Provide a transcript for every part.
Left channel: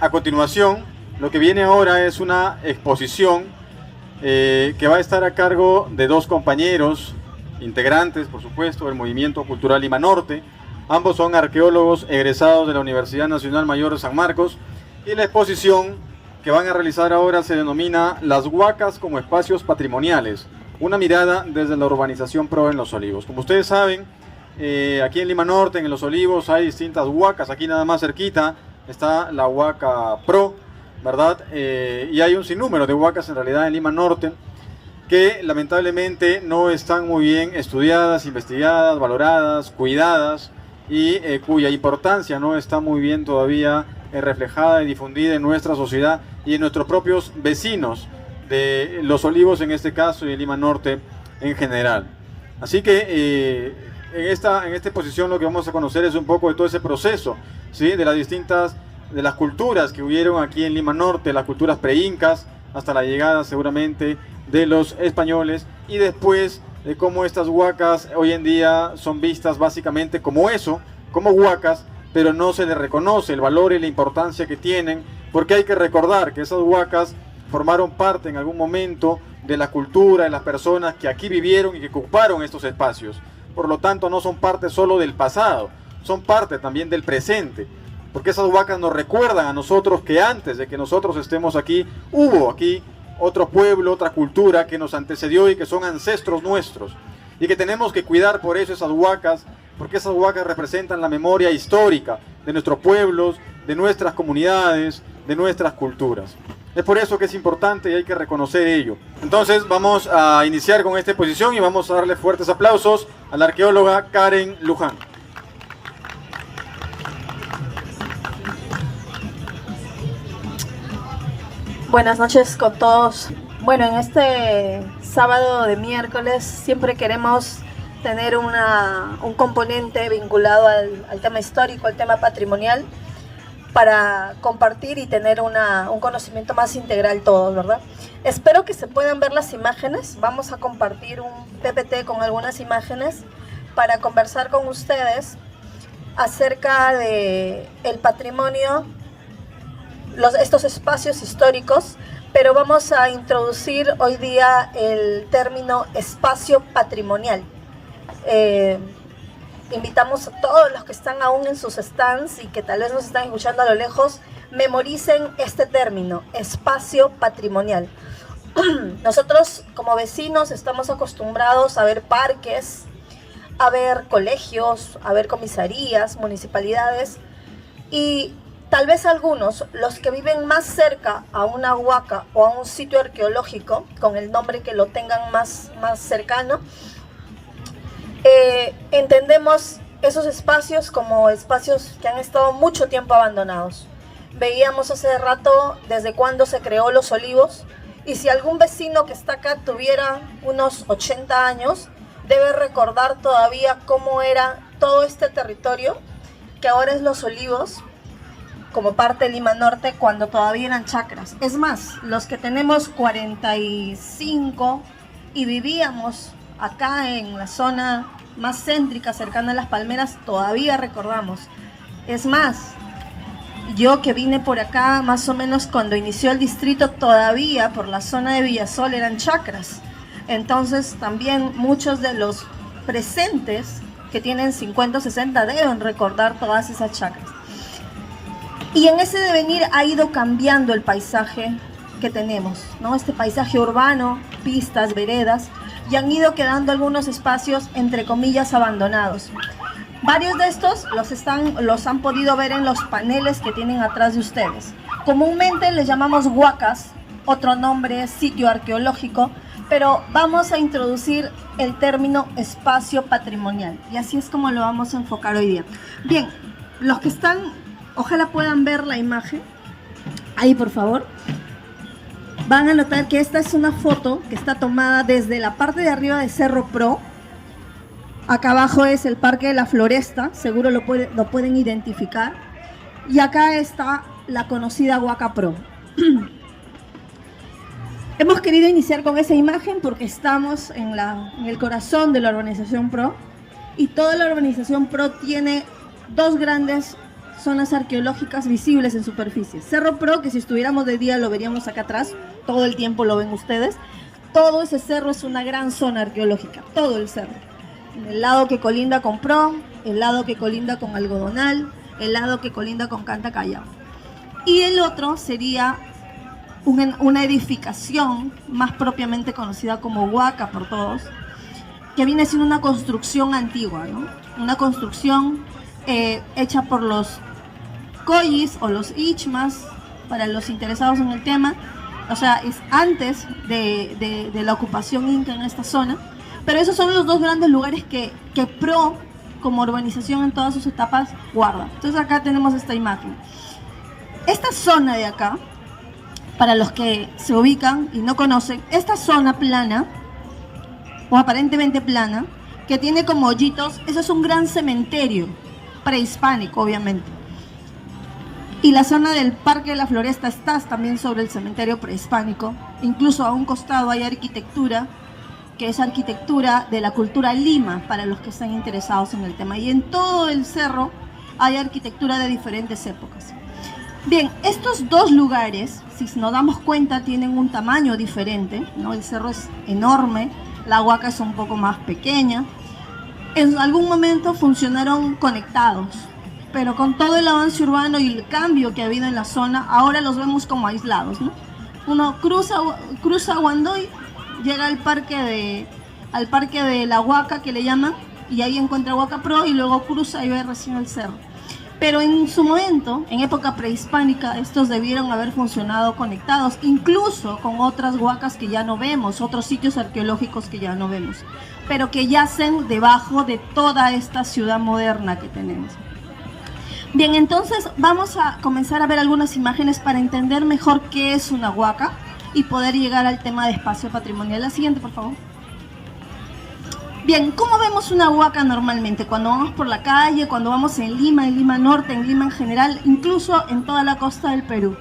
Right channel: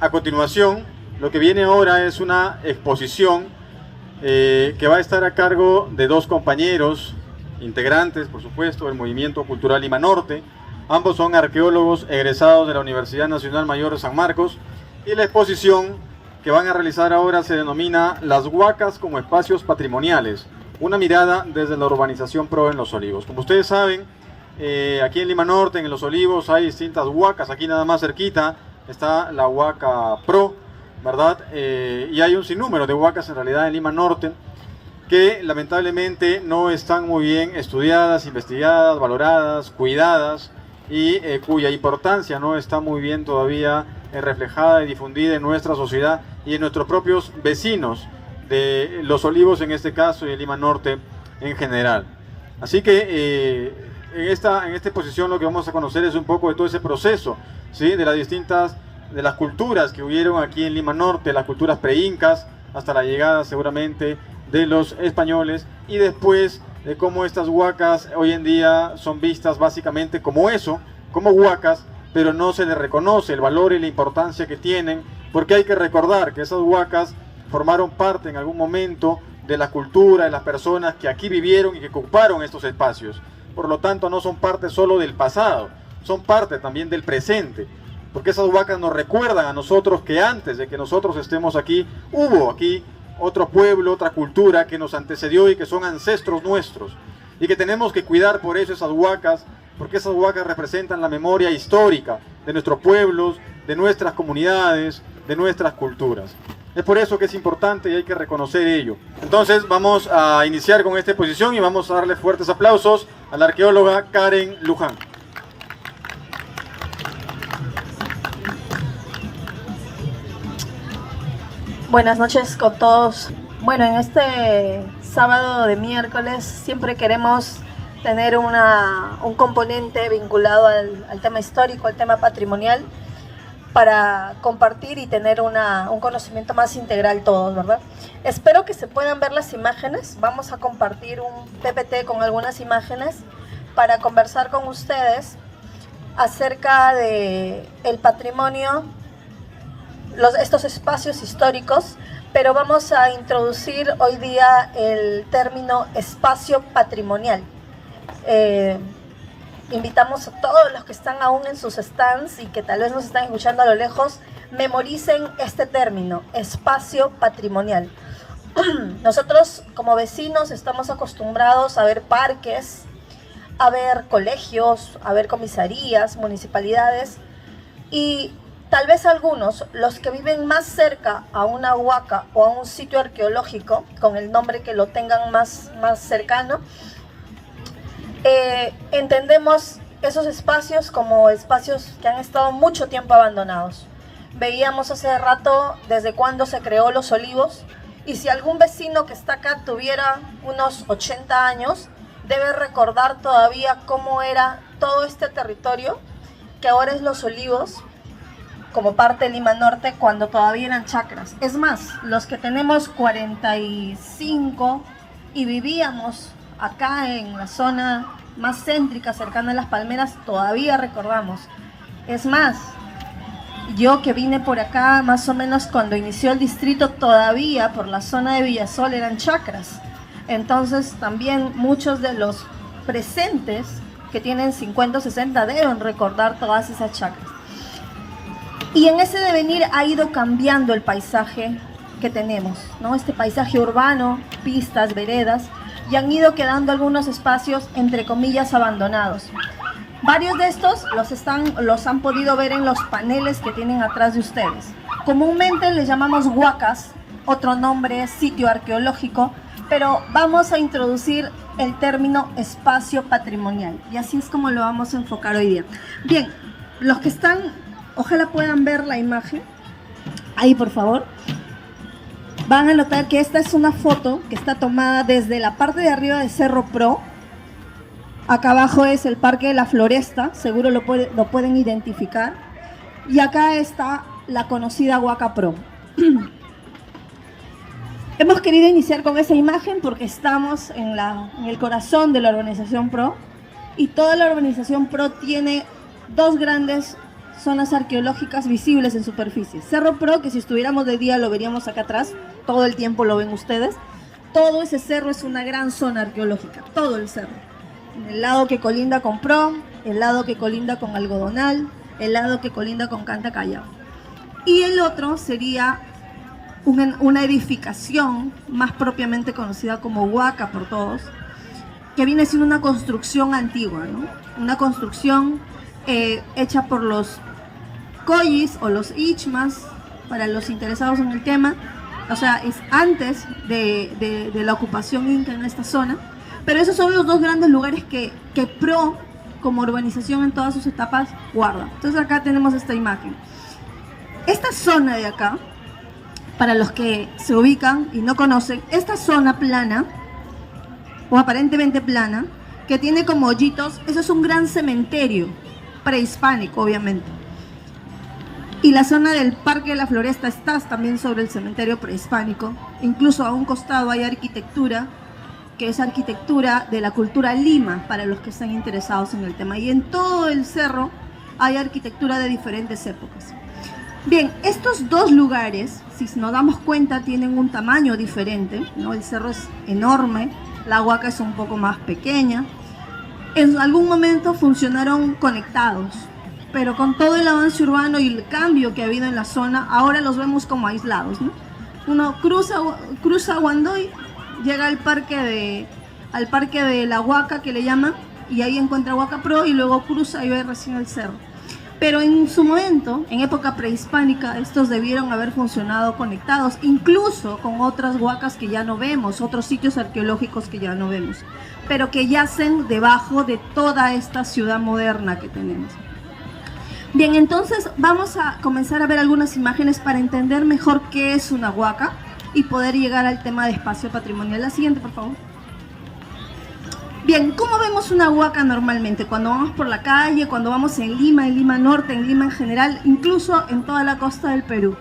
A continuación, lo que viene ahora es una exposición que va a estar a cargo de dos compañeros, integrantes, por supuesto, del Movimiento Cultural Lima Norte. Ambos son arqueólogos egresados de la Universidad Nacional Mayor de San Marcos, y la exposición que van a realizar ahora se denomina Las Huacas como espacios patrimoniales, una mirada desde la urbanización PRO en Los Olivos. Como ustedes saben, aquí en Lima Norte, en Los Olivos, hay distintas huacas. Aquí nada más cerquita está la Huaca PRO, ¿verdad? Y hay un sinnúmero de huacas en realidad en Lima Norte que lamentablemente no están muy bien estudiadas, investigadas, valoradas, cuidadas, y cuya importancia no está muy bien todavía reflejada y difundida en nuestra sociedad y en nuestros propios vecinos de Los Olivos en este caso y de Lima Norte en general. Así que en esta exposición lo que vamos a conocer es un poco de todo ese proceso, ¿sí? De las culturas que hubieron aquí en Lima Norte, las culturas pre-incas, hasta la llegada seguramente de los españoles, y después de cómo estas huacas hoy en día son vistas básicamente como eso, como huacas, pero no se les reconoce el valor y la importancia que tienen, porque hay que recordar que esas huacas formaron parte en algún momento de la cultura, de las personas que aquí vivieron y que ocuparon estos espacios. Por lo tanto, no son parte solo del pasado, son parte también del presente, porque esas huacas nos recuerdan a nosotros que antes de que nosotros estemos aquí, hubo aquí otro pueblo, otra cultura que nos antecedió y que son ancestros nuestros, y que tenemos que cuidar por eso esas huacas, porque esas huacas representan la memoria histórica de nuestros pueblos, de nuestras comunidades, de nuestras culturas. Es por eso que es importante y hay que reconocer ello. Entonces vamos a iniciar con esta exposición y vamos a darle fuertes aplausos a la arqueóloga Karen Luján. Buenas noches con todos. Bueno, en este sábado de miércoles siempre queremos tener un componente vinculado al tema histórico, al tema patrimonial, para compartir y tener un conocimiento más integral todos, ¿verdad? Espero que se puedan ver las imágenes. Vamos a compartir un PPT con algunas imágenes para conversar con ustedes acerca de el patrimonio, estos espacios históricos, pero vamos a introducir hoy día el término espacio patrimonial. Invitamos a todos los que están aún en sus stands y que tal vez nos están escuchando a lo lejos, memoricen este término, espacio patrimonial. Nosotros como vecinos estamos acostumbrados a ver parques, a ver colegios, a ver comisarías, municipalidades, y tal vez algunos, los que viven más cerca a una huaca o a un sitio arqueológico, con el nombre que lo tengan más cercano, entendemos esos espacios como espacios que han estado mucho tiempo abandonados. Veíamos hace rato desde cuándo se creó Los Olivos, y si algún vecino que está acá tuviera unos 80 años, debe recordar todavía cómo era todo este territorio, que ahora es Los Olivos, como parte de Lima Norte, cuando todavía eran chacras. Es más, los que tenemos 45 y vivíamos acá en la zona más céntrica, cercana a Las Palmeras, todavía recordamos. Es más, yo que vine por acá más o menos cuando inició el distrito, todavía por la zona de Villasol eran chacras. Entonces también muchos de los presentes que tienen 50 o 60 deben recordar todas esas chacras. Y en ese devenir ha ido cambiando el paisaje que tenemos, ¿no? Este paisaje urbano, pistas, veredas, y han ido quedando algunos espacios, entre comillas, abandonados. Varios de estos los han podido ver en los paneles que tienen atrás de ustedes. Comúnmente les llamamos huacas, otro nombre es sitio arqueológico, pero vamos a introducir el término espacio patrimonial, y así es como lo vamos a enfocar hoy día. Bien, los que están, ojalá puedan ver la imagen, ahí por favor. Van a notar que esta es una foto que está tomada desde la parte de arriba de Cerro Pro. Acá abajo es el Parque de la Floresta, seguro lo pueden identificar. Y acá está la conocida Huaca Pro. Hemos querido iniciar con esa imagen porque estamos en el corazón de la organización PRO, y toda la organización PRO tiene dos grandes zonas arqueológicas visibles en superficie. Cerro Pro, que si estuviéramos de día lo veríamos acá atrás, todo el tiempo lo ven ustedes. Todo ese cerro es una gran zona arqueológica, todo el cerro. El lado que colinda con Pro, el lado que colinda con Algodonal, el lado que colinda con Canta Callao. Y el otro sería una edificación más propiamente conocida como Huaca por todos, que viene siendo una construcción antigua, ¿no? Una construcción hecha por los Collis o los Ichmas, para los interesados en el tema. O sea, es antes de la ocupación inca en esta zona. Pero esos son los dos grandes lugares que Pro, como urbanización en todas sus etapas, guarda. Entonces acá tenemos esta imagen. Esta zona de acá, para los que se ubican y no conocen, esta zona plana, o aparentemente plana, que tiene como hoyitos, eso es un gran cementerio prehispánico, obviamente. Y la zona del Parque de la Floresta está también sobre el cementerio prehispánico. Incluso a un costado hay arquitectura, que es arquitectura de la cultura Lima, para los que están interesados en el tema. Y en todo el cerro hay arquitectura de diferentes épocas. Bien, estos dos lugares, si nos damos cuenta, tienen un tamaño diferente, ¿no? El cerro es enorme, la Huaca es un poco más pequeña. En algún momento funcionaron conectados, pero con todo el avance urbano y el cambio que ha habido en la zona, ahora los vemos como aislados, ¿no? Uno cruza Guandoy, llega al parque de la Huaca, que le llaman, y ahí encuentra Huaca Pro, y luego cruza y ve recién el cerro. Pero en su momento, en época prehispánica, estos debieron haber funcionado conectados, incluso con otras huacas que ya no vemos, otros sitios arqueológicos que ya no vemos, pero que yacen debajo de toda esta ciudad moderna que tenemos. Bien, entonces vamos a comenzar a ver algunas imágenes para entender mejor qué es una huaca y poder llegar al tema de espacio patrimonial. La siguiente, por favor. Bien, ¿cómo vemos una huaca normalmente? Cuando vamos por la calle, cuando vamos en Lima Norte, en Lima en general, incluso en toda la costa del Perú.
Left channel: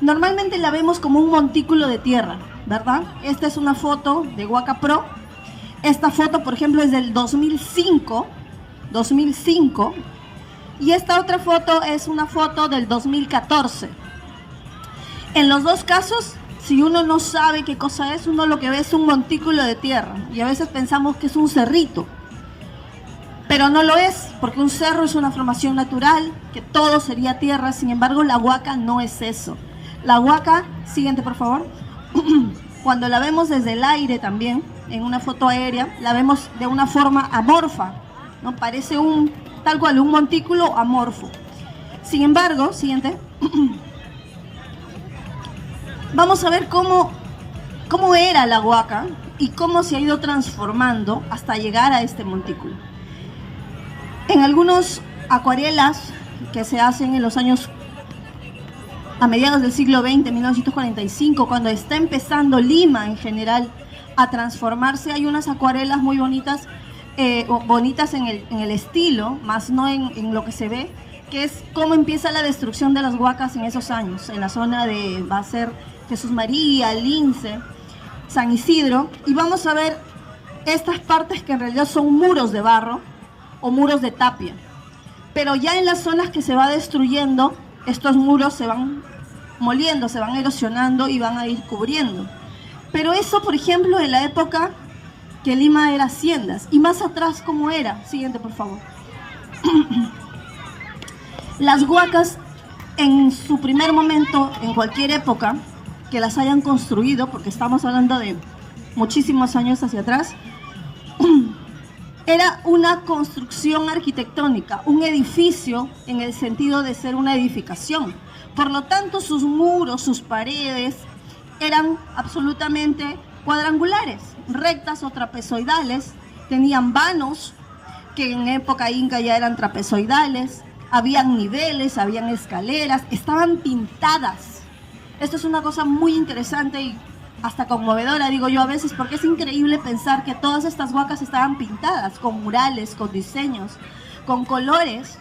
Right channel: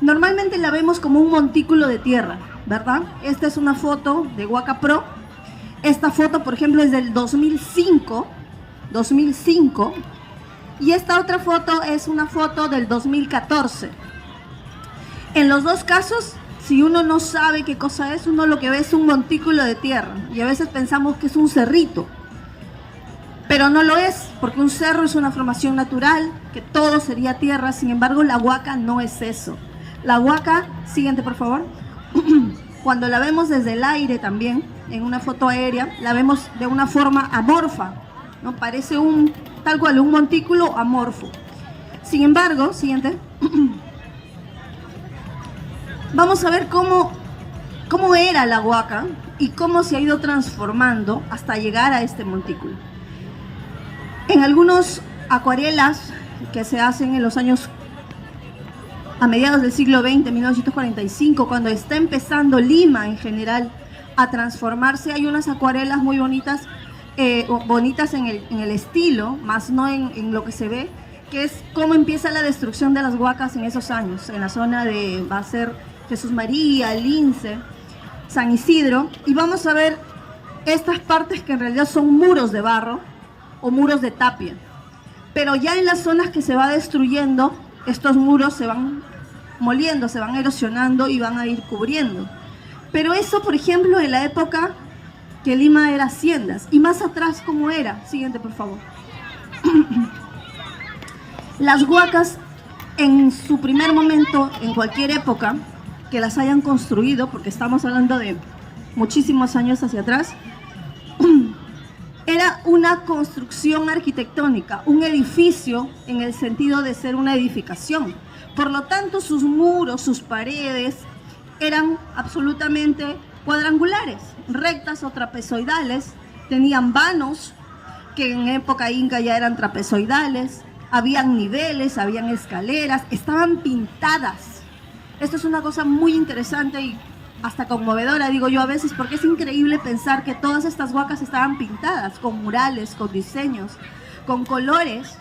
Normalmente la vemos como un montículo de tierra, ¿verdad? Esta es una foto de Huaca Pro. Esta foto, por ejemplo, es del 2005. Y esta otra foto es una foto del 2014. En los dos casos, si uno no sabe qué cosa es, uno lo que ve es un montículo de tierra. Y a veces pensamos que es un cerrito. Pero no lo es, porque un cerro es una formación natural, que todo sería tierra. Sin embargo, la huaca no es eso. La huaca, siguiente por favor, cuando la vemos desde el aire también, en una foto aérea, la vemos de una forma amorfa, ¿no? Parece tal cual, un montículo amorfo. Sin embargo, siguiente. Vamos a ver cómo era la huaca y cómo se ha ido transformando hasta llegar a este montículo. En algunos acuarelas que se hacen en los años a mediados del siglo XX, 1945, cuando está empezando Lima en general a transformarse, hay unas acuarelas muy bonitas, bonitas en el estilo, más no en lo que se ve, que es cómo empieza la destrucción de las huacas en esos años, en la zona va a ser Jesús María, Lince, San Isidro, y vamos a ver estas partes que en realidad son muros de barro o muros de tapia. Pero ya en las zonas que se va destruyendo, estos muros se van moliendo, se van erosionando y van a ir cubriendo. Pero eso, por ejemplo, en la época que Lima era haciendas. Y más atrás, ¿cómo era? Siguiente, por favor. Las huacas, en su primer momento, en cualquier época que las hayan construido, porque estamos hablando de muchísimos años hacia atrás, era una construcción arquitectónica, un edificio en el sentido de ser una edificación. Por lo tanto, sus muros, sus paredes eran absolutamente cuadrangulares, rectas o trapezoidales, tenían vanos, que en época inca ya eran trapezoidales, habían niveles, habían escaleras, estaban pintadas. Esto es una cosa muy interesante y hasta conmovedora, digo yo a veces, porque es increíble pensar que todas estas huacas estaban pintadas, con murales, con diseños, con colores,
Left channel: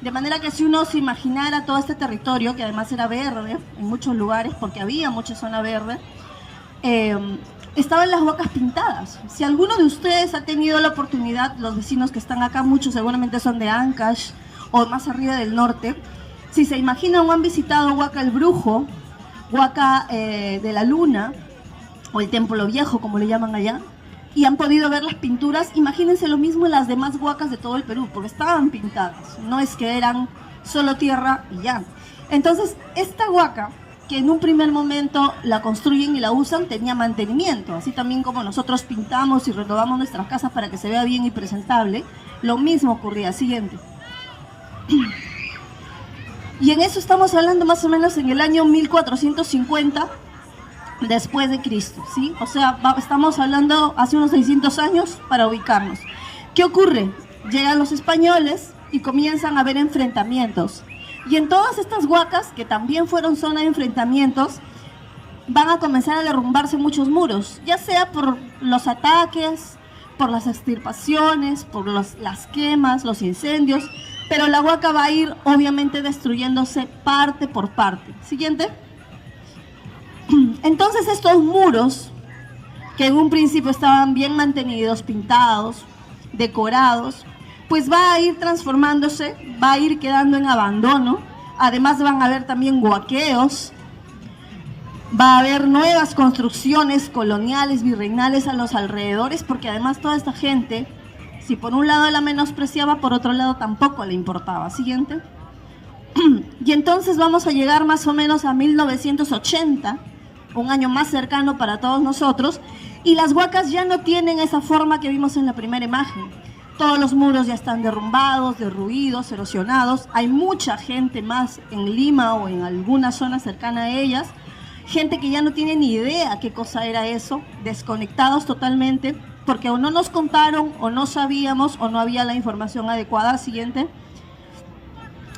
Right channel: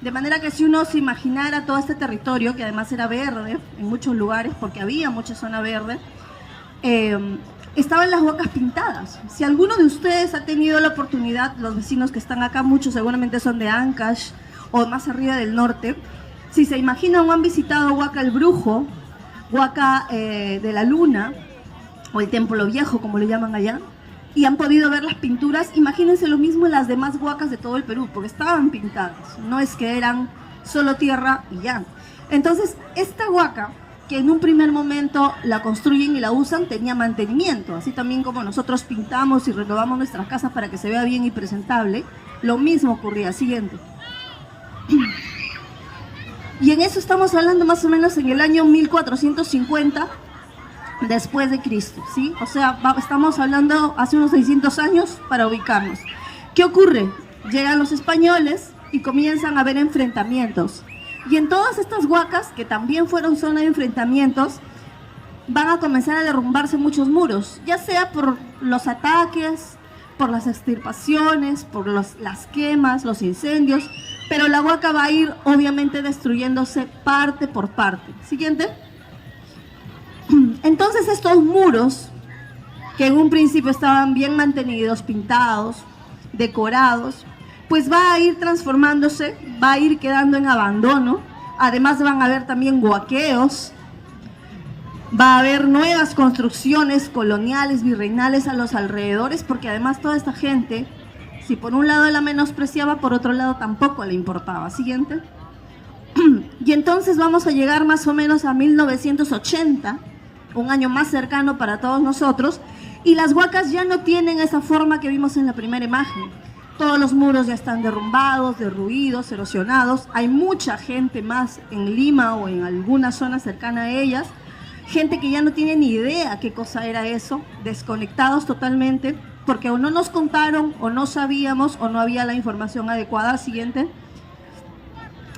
de manera que si uno se imaginara todo este territorio, que además era verde en muchos lugares, porque había mucha zona verde, estaban las huacas pintadas. Si alguno de ustedes ha tenido la oportunidad, los vecinos que están acá, muchos seguramente son de Ancash o más arriba del norte, si se imaginan o han visitado Huaca el Brujo, Huaca de la Luna, o el Templo Viejo, como le llaman allá, y han podido ver las pinturas, imagínense lo mismo en las demás huacas de todo el Perú, porque estaban pintadas, no es que eran solo tierra y ya. Entonces, esta huaca, que en un primer momento la construyen y la usan, tenía mantenimiento, así también como nosotros pintamos y renovamos nuestras casas para que se vea bien y presentable, lo mismo ocurría. Siguiente. Y en eso estamos hablando más o menos en el año 1450 después de Cristo, ¿sí? O sea, estamos hablando hace unos 600 años para ubicarnos. ¿Qué ocurre? Llegan los españoles y comienzan a haber enfrentamientos. Y en todas estas huacas, que también fueron zona de enfrentamientos, van a comenzar a derrumbarse muchos muros, ya sea por los ataques, por las extirpaciones, por las quemas, los incendios, pero la huaca va a ir obviamente destruyéndose parte por parte. Siguiente. Entonces estos muros, que en un principio estaban bien mantenidos, pintados, decorados, pues va a ir transformándose, va a ir quedando en abandono. Además van a haber también huaqueos, va a haber nuevas construcciones coloniales, virreinales a los alrededores, porque además toda esta gente, si por un lado la menospreciaba, por otro lado tampoco le importaba. Siguiente. Y entonces vamos a llegar más o menos a 1980, un año más cercano para todos nosotros, y las huacas ya no tienen esa forma que vimos en la primera imagen. Todos los muros ya están derrumbados, derruidos, erosionados. Hay mucha gente más en Lima o en alguna zona cercana a ellas, gente que ya no tiene ni idea qué cosa era eso, desconectados totalmente, porque o no nos contaron, o no sabíamos, o no había la información adecuada. Siguiente.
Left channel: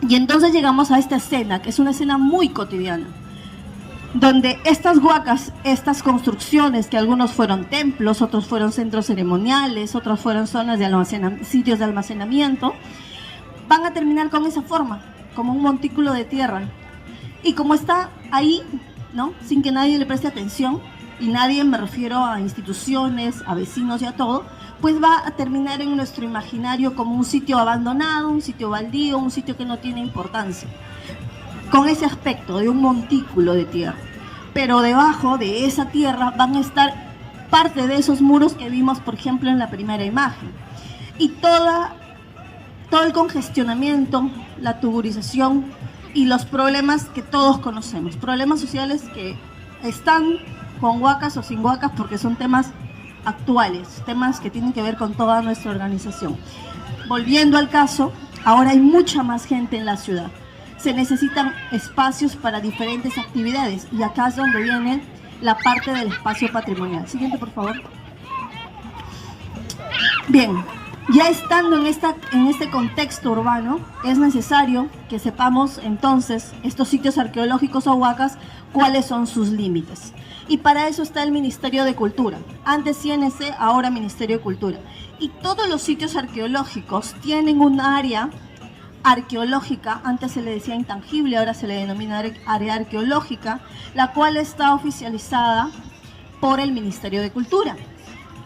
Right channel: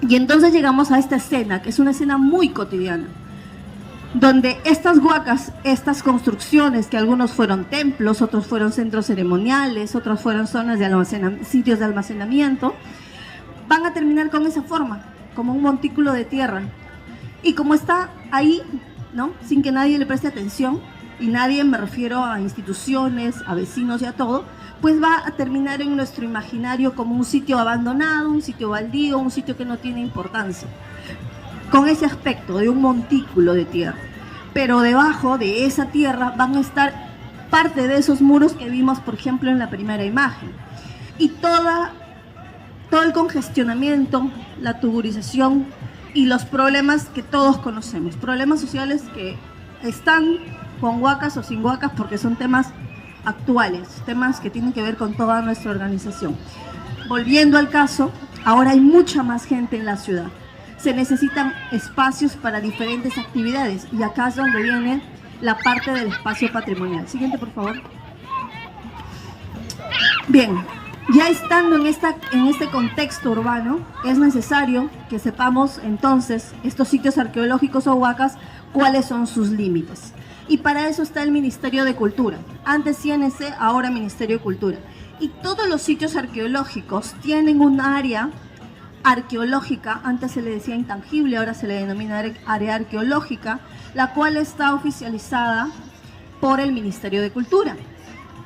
Y entonces llegamos a esta escena, que es una escena muy cotidiana, donde estas huacas, estas construcciones, que algunos fueron templos, otros fueron centros ceremoniales, otros fueron zonas de sitios de almacenamiento, van a terminar con esa forma, como un montículo de tierra. Y como está ahí, ¿no?, sin que nadie le preste atención, y nadie, me refiero a instituciones, a vecinos y a todo, pues va a terminar en nuestro imaginario como un sitio abandonado, un sitio baldío, un sitio que no tiene importancia, con ese aspecto de un montículo de tierra. Pero debajo de esa tierra van a estar parte de esos muros que vimos, por ejemplo, en la primera imagen. Y todo el congestionamiento, la tuburización y los problemas que todos conocemos, problemas sociales que están con huacas o sin huacas, porque son temas actuales, temas que tienen que ver con toda nuestra organización. Volviendo al caso, ahora hay mucha más gente en la ciudad. Se necesitan espacios para diferentes actividades, y acá es donde viene la parte del espacio patrimonial. Siguiente, por favor. Bien, ya estando en este contexto urbano, es necesario que sepamos entonces, estos sitios arqueológicos o huacas, cuáles son sus límites. Y para eso está el Ministerio de Cultura, antes CNC, ahora Ministerio de Cultura. Y todos los sitios arqueológicos tienen un área arqueológica, antes se le decía intangible, ahora se le denomina área arqueológica, la cual está oficializada por el Ministerio de Cultura.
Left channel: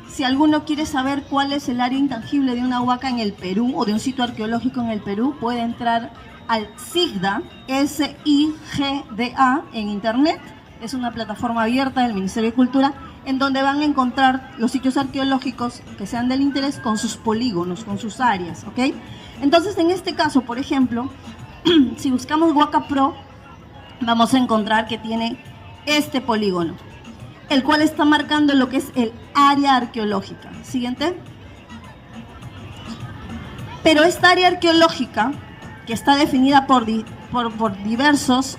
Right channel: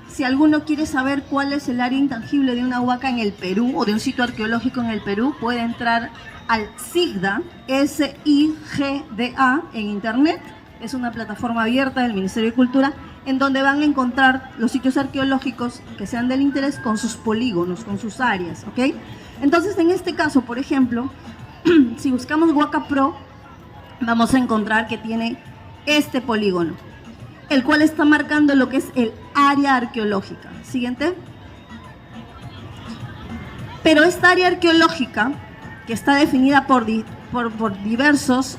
Si alguno quiere saber cuál es el área intangible de una huaca en el Perú, o de un sitio arqueológico en el Perú, puede entrar al SIGDA, SIGDA, en internet. Es una plataforma abierta del Ministerio de Cultura, en donde van a encontrar los sitios arqueológicos que sean del interés con sus polígonos, con sus áreas, ¿ok? Entonces, en este caso, por ejemplo, si buscamos Huaca Pro, vamos a encontrar que tiene este polígono, el cual está marcando lo que es el área arqueológica. Siguiente. Pero esta área arqueológica, que está definida por diversos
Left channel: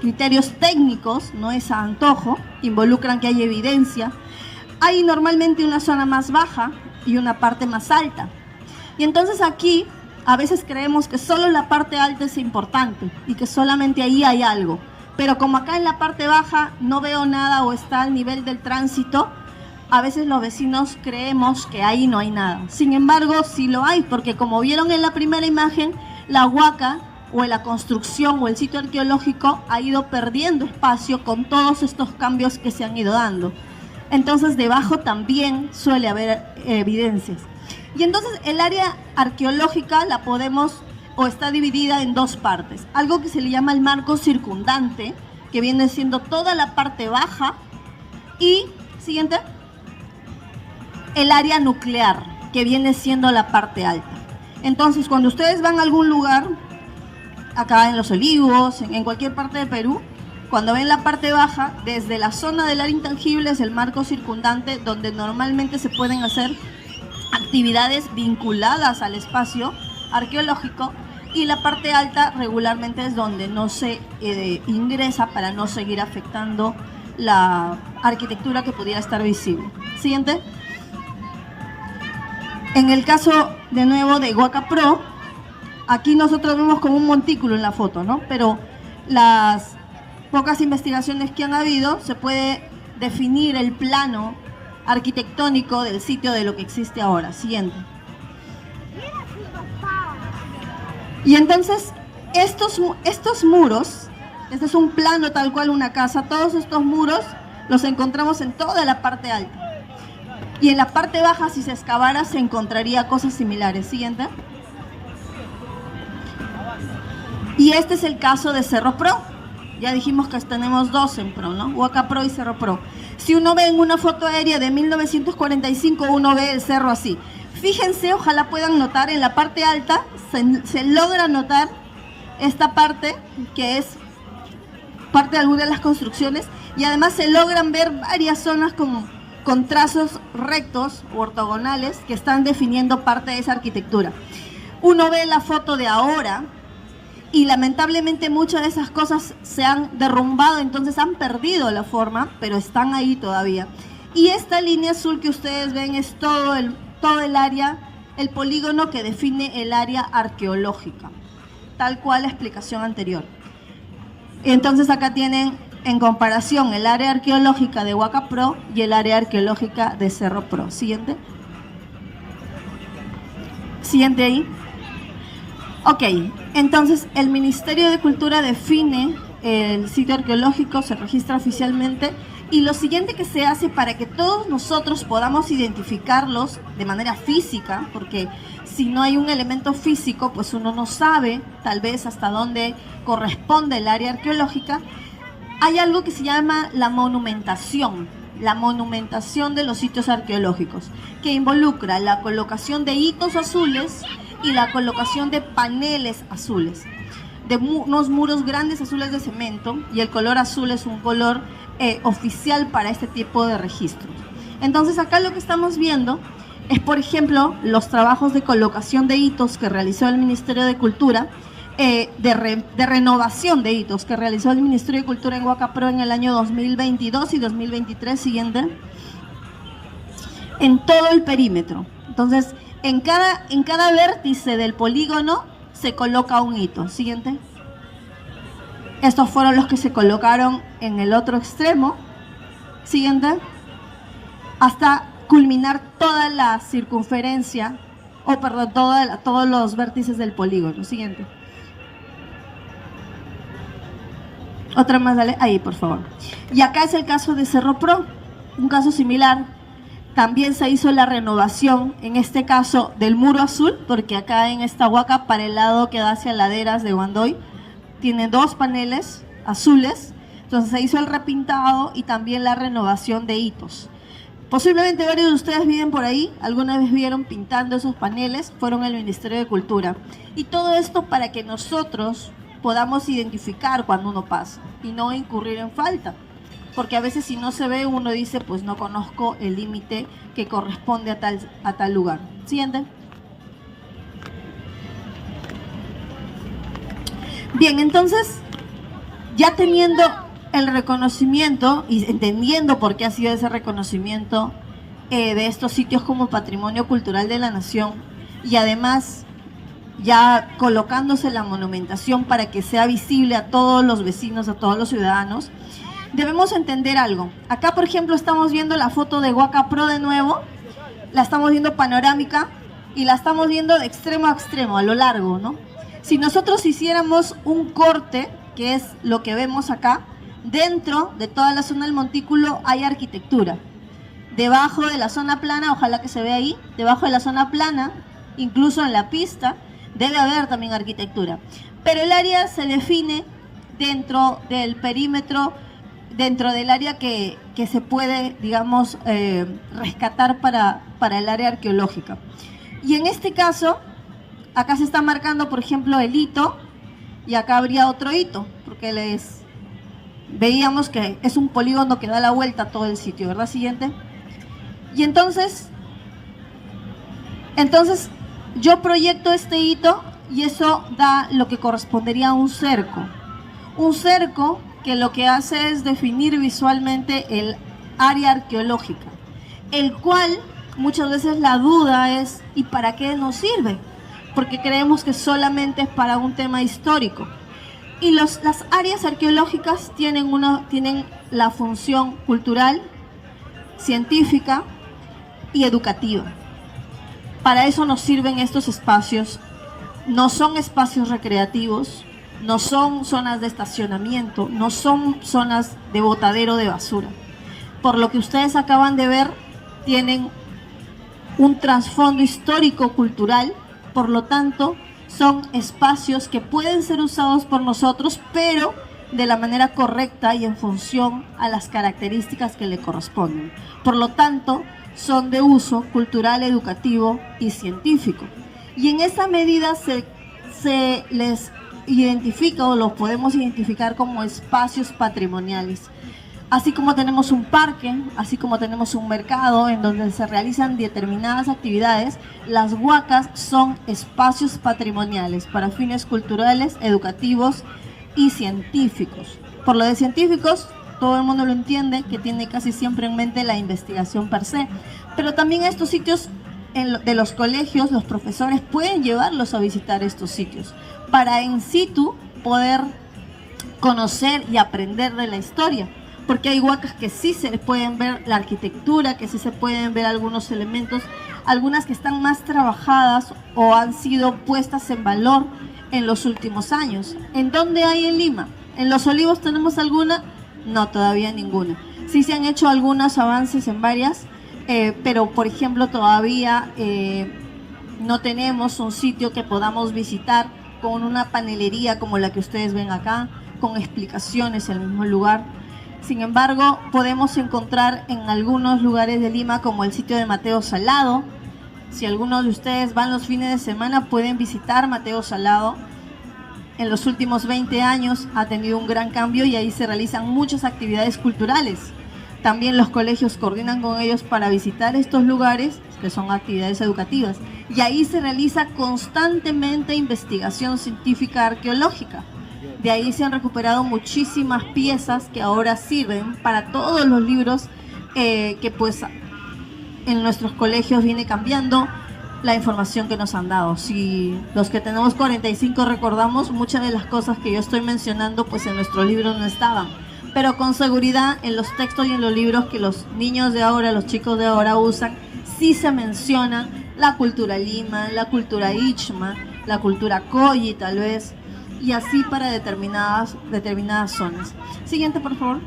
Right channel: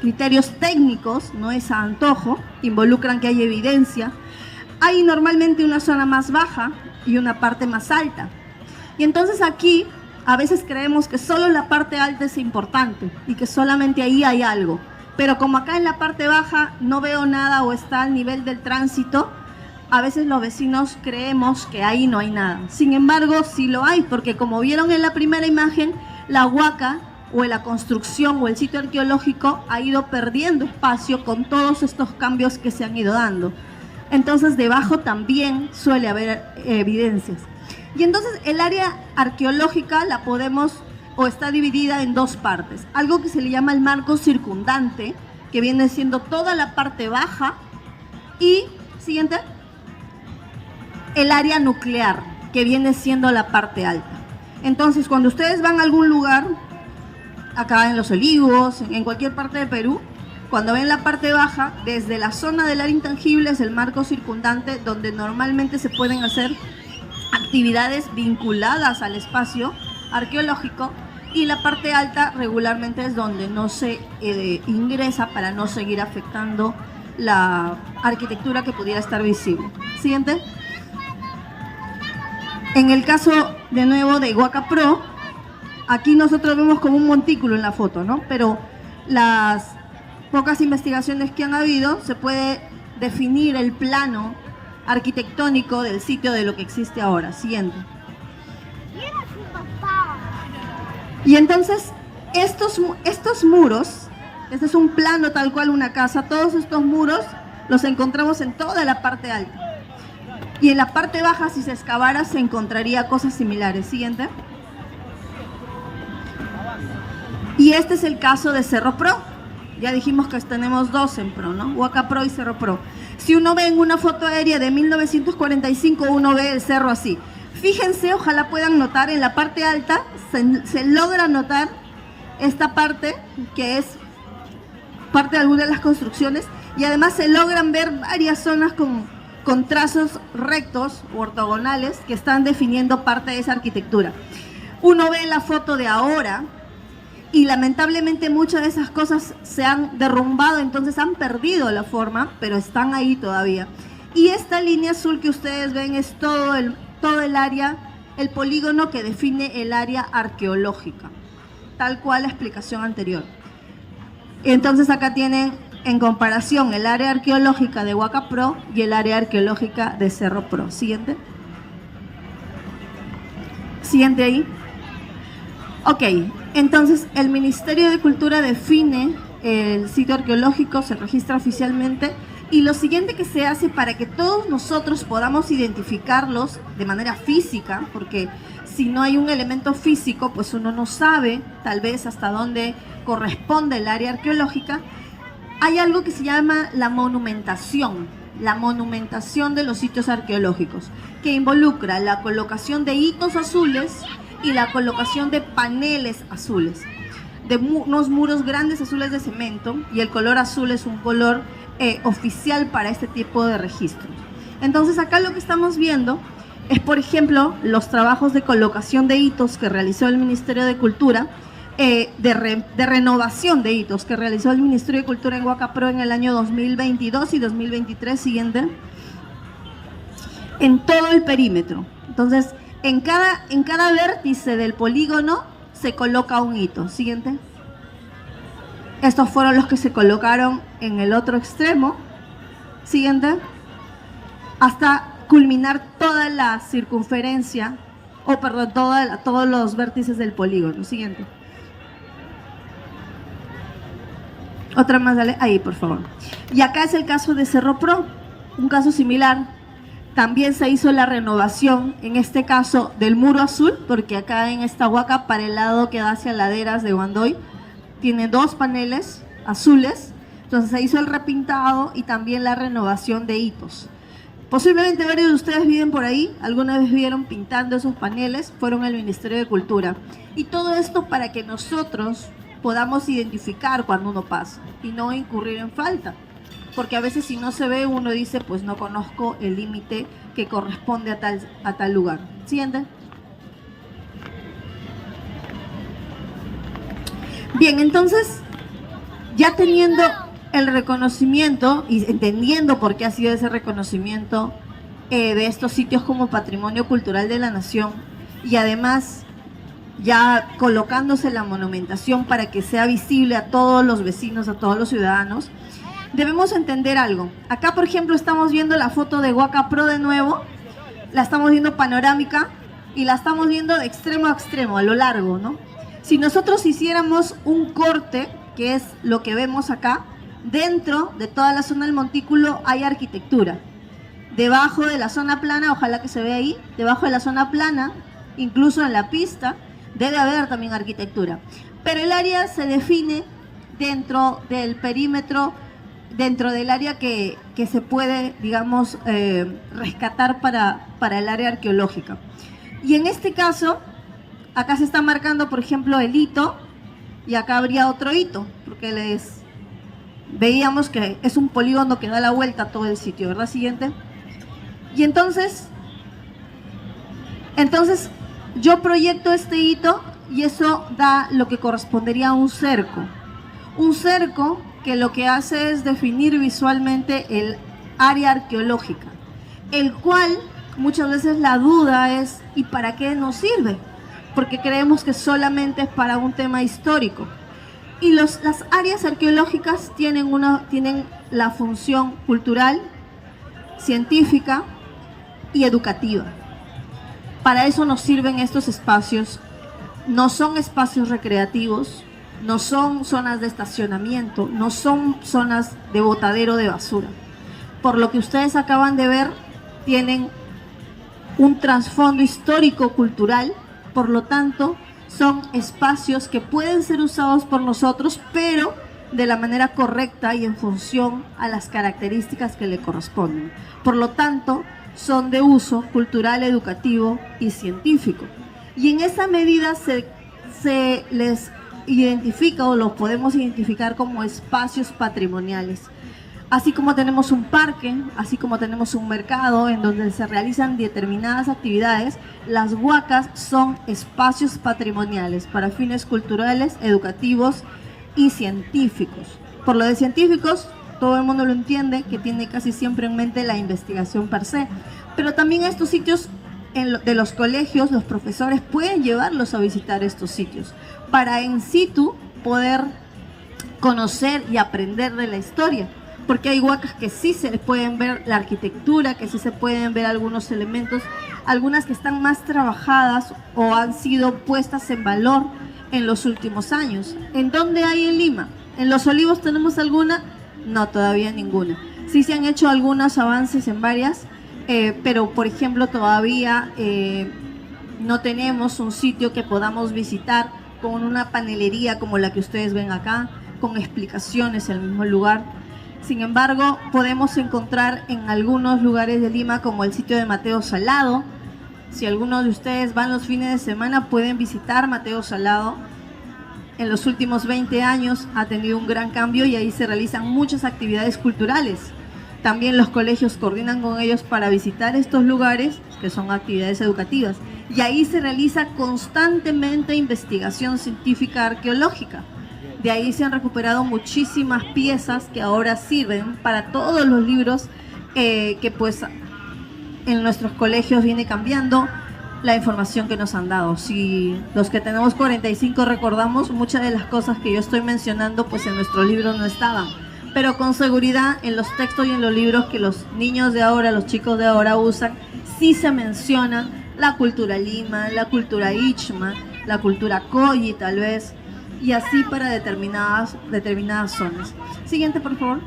criterios técnicos, no es a antojo, involucran que hay evidencia. Hay normalmente una zona más baja y una parte más alta. Y entonces aquí a veces creemos que solo la parte alta es importante y que solamente ahí hay algo. Pero como acá en la parte baja no veo nada o está al nivel del tránsito, a veces los vecinos creemos que ahí no hay nada. Sin embargo, sí lo hay, porque como vieron en la primera imagen, la huaca o la construcción o el sitio arqueológico ha ido perdiendo espacio con todos estos cambios que se han ido dando. Entonces debajo también suele haber evidencias. Y entonces el área arqueológica la podemos o está dividida en dos partes. Algo que se le llama el marco circundante, que viene siendo toda la parte baja, y, siguiente, el área nuclear, que viene siendo la parte alta. Entonces, cuando ustedes van a algún lugar, acá en Los Olivos, en cualquier parte del Perú, cuando ven la parte baja, desde la zona del área intangible es el marco circundante, donde normalmente se pueden hacer actividades vinculadas al espacio arqueológico, y la parte alta regularmente es donde no se ingresa para no seguir afectando la arquitectura que pudiera estar visible. Siguiente. En el caso, de nuevo, de Huaca Pro, aquí nosotros vemos como un montículo en la foto, ¿no? Pero las pocas investigaciones que han habido, se puede definir el plano arquitectónico del sitio de lo que existe ahora. Siguiente. Y entonces, estos muros, este es un plano tal cual una casa, todos estos muros los encontramos en toda la parte alta. Y en la parte baja, si se excavara, se encontraría cosas similares. Siguiente. Y este es el caso de Cerro Pro. Ya dijimos que tenemos dos en Pro, ¿no? Huaca Pro y Cerro Pro. Si uno ve en una foto aérea de 1945, uno ve el cerro así. Fíjense, ojalá puedan notar en la parte alta, se logra notar esta parte, que es parte de alguna de las construcciones, y además se logran ver varias zonas con trazos rectos u ortogonales que están definiendo parte de esa arquitectura. Uno ve la foto de ahora, y lamentablemente muchas de esas cosas se han derrumbado, entonces han perdido la forma, pero están ahí todavía. Y esta línea azul que ustedes ven es todo el área, el polígono que define el área arqueológica, tal cual la explicación anterior. Entonces acá tienen en comparación el área arqueológica de Huaca Pro y el área arqueológica de Cerro Pro. Siguiente. Siguiente ahí. Ok, entonces el Ministerio de Cultura define el sitio arqueológico, se registra oficialmente, y lo siguiente que se hace para que todos nosotros podamos identificarlos de manera física, porque si no hay un elemento físico, pues uno no sabe tal vez hasta dónde corresponde el área arqueológica, hay algo que se llama la monumentación de los sitios arqueológicos, que involucra la colocación de hitos azules y la colocación de paneles azules, de unos muros grandes azules de cemento, y el color azul es un color oficial para este tipo de registros. Entonces acá lo que estamos viendo es, por ejemplo, los trabajos de colocación de hitos que realizó el Ministerio de Cultura, de renovación de hitos que realizó el Ministerio de Cultura en Huaca Pro en el año 2022 y 2023, siguiente, en todo el perímetro. Entonces, en cada vértice del polígono se coloca un hito. Siguiente. Estos fueron los que se colocaron en el otro extremo. Siguiente. Hasta culminar toda la circunferencia, todos los vértices del polígono. Siguiente. Otra más, dale. Ahí, por favor. Y acá es el caso de Cerro Pro, un caso similar. También se hizo la renovación, en este caso, del muro azul, porque acá en esta huaca, para el lado que da hacia laderas de Guandoy, tiene dos paneles azules. Entonces se hizo el repintado y también la renovación de hitos. Posiblemente varios de ustedes viven por ahí, alguna vez vieron pintando esos paneles, fueron al Ministerio de Cultura. Y todo esto para que nosotros podamos identificar cuando uno pasa y no incurrir en falta. Porque a veces si no se ve, uno dice, pues no conozco el límite que corresponde a tal lugar. ¿Siguiente? Bien, entonces, ya teniendo el reconocimiento y entendiendo por qué ha sido ese reconocimiento de estos sitios como Patrimonio Cultural de la Nación, y además ya colocándose la monumentación para que sea visible a todos los vecinos, a todos los ciudadanos, debemos entender algo. Acá, por ejemplo, estamos viendo la foto de Huaca Pro de nuevo, la estamos viendo panorámica y la estamos viendo de extremo a extremo, a lo largo, ¿no? Si nosotros hiciéramos un corte, que es lo que vemos acá, dentro de toda la zona del montículo hay arquitectura. Debajo de la zona plana, ojalá que se vea ahí, debajo de la zona plana, incluso en la pista, debe haber también arquitectura. Pero el área se define dentro del perímetro, dentro del área que se puede, digamos, rescatar para el área arqueológica. Y en este caso, acá se está marcando, por ejemplo, el hito, y acá habría otro hito, porque veíamos que es un polígono que da la vuelta a todo el sitio, ¿verdad? Siguiente. Y entonces yo proyecto este hito y eso da lo que correspondería a un cerco. Un cerco que lo que hace es definir visualmente el área arqueológica, el cual muchas veces la duda es ¿y para qué nos sirve? Porque creemos que solamente es para un tema histórico. Y las áreas arqueológicas tienen la función cultural, científica y educativa. Para eso nos sirven estos espacios. No son espacios recreativos, no son zonas de estacionamiento, no son zonas de botadero de basura. Por lo que ustedes acaban de ver, tienen un trasfondo histórico-cultural, por lo tanto, son espacios que pueden ser usados por nosotros, pero de la manera correcta y en función a las características que le corresponden. Por lo tanto, son de uso cultural, educativo y científico. Y en esa medida se les identifica o los podemos identificar como espacios patrimoniales. Así como tenemos un parque, así como tenemos un mercado en donde se realizan determinadas actividades, las huacas son espacios patrimoniales para fines culturales, educativos y científicos. Por lo de científicos, todo el mundo lo entiende, que tiene casi siempre en mente la investigación per se, pero también a estos sitios de los colegios, los profesores pueden llevarlos a visitar estos sitios para in situ poder conocer y aprender de la historia. Porque hay huacas que sí se les pueden ver la arquitectura, que sí se pueden ver algunos elementos, algunas que están más trabajadas o han sido puestas en valor en los últimos años. ¿En dónde hay en Lima? ¿En Los Olivos tenemos alguna? No, todavía ninguna. Sí se han hecho algunos avances en varias, pero por ejemplo todavía no tenemos un sitio que podamos visitar con una panelería como la que ustedes ven acá, con explicaciones en el mismo lugar. Sin embargo, podemos encontrar en algunos lugares de Lima, como el sitio de Mateo Salado. Si algunos de ustedes van los fines de semana, pueden visitar Mateo Salado. En los últimos 20 años ha tenido un gran cambio y ahí se realizan muchas actividades culturales. También los colegios coordinan con ellos para visitar estos lugares, que son actividades educativas. Y ahí se realiza constantemente investigación científica arqueológica. De ahí se han recuperado muchísimas piezas que ahora sirven para todos los libros que pues en nuestros colegios viene cambiando la información que nos han dado. Si los que tenemos 45 recordamos, muchas de las cosas que yo estoy mencionando pues en nuestros libros no estaban. Pero con seguridad en los textos y en los libros que los niños de ahora, los chicos de ahora usan, sí se menciona la cultura Lima, la cultura Ichma, la cultura Coyi tal vez, y así para determinadas zonas. Siguiente, por favor.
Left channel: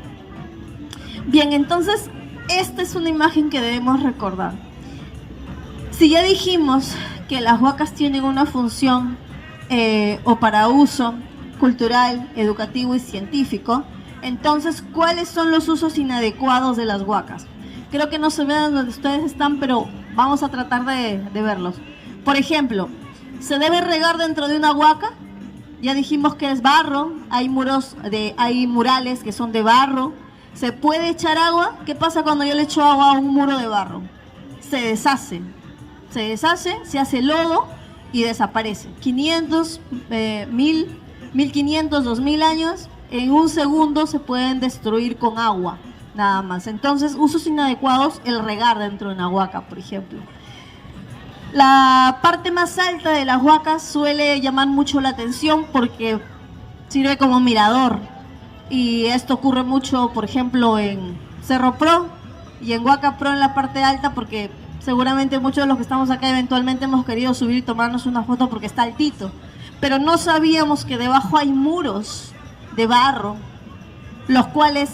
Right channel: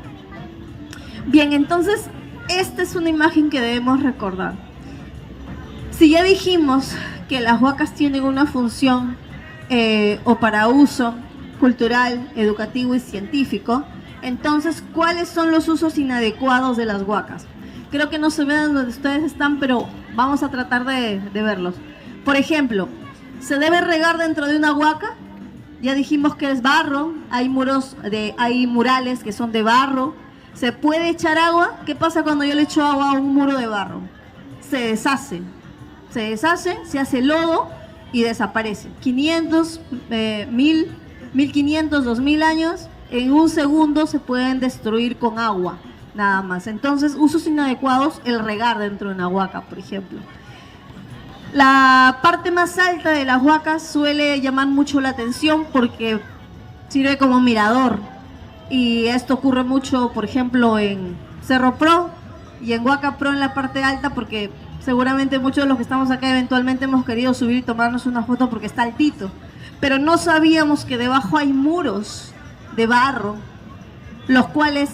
Bien, entonces, esta es una imagen que debemos recordar. Si ya dijimos que las huacas tienen una función o para uso cultural, educativo y científico, entonces, ¿cuáles son los usos inadecuados de las huacas? Creo que no se ven donde ustedes están, pero vamos a tratar de verlos. Por ejemplo, ¿se debe regar dentro de una huaca? Ya dijimos que es barro, hay murales que son de barro. ¿Se puede echar agua? ¿Qué pasa cuando yo le echo agua a un muro de barro? Se deshace, se hace lodo y desaparece. 500, 1000, 1500, 2000 años, en un segundo se pueden destruir con agua, nada más. Entonces, usos inadecuados, el regar dentro de una huaca, por ejemplo. La parte más alta de las huacas suele llamar mucho la atención porque sirve como mirador. Y esto ocurre mucho, por ejemplo, en Cerro Pro y en Huaca Pro en la parte alta, porque seguramente muchos de los que estamos acá eventualmente hemos querido subir y tomarnos una foto porque está altito. Pero no sabíamos que debajo hay muros de barro, los cuales,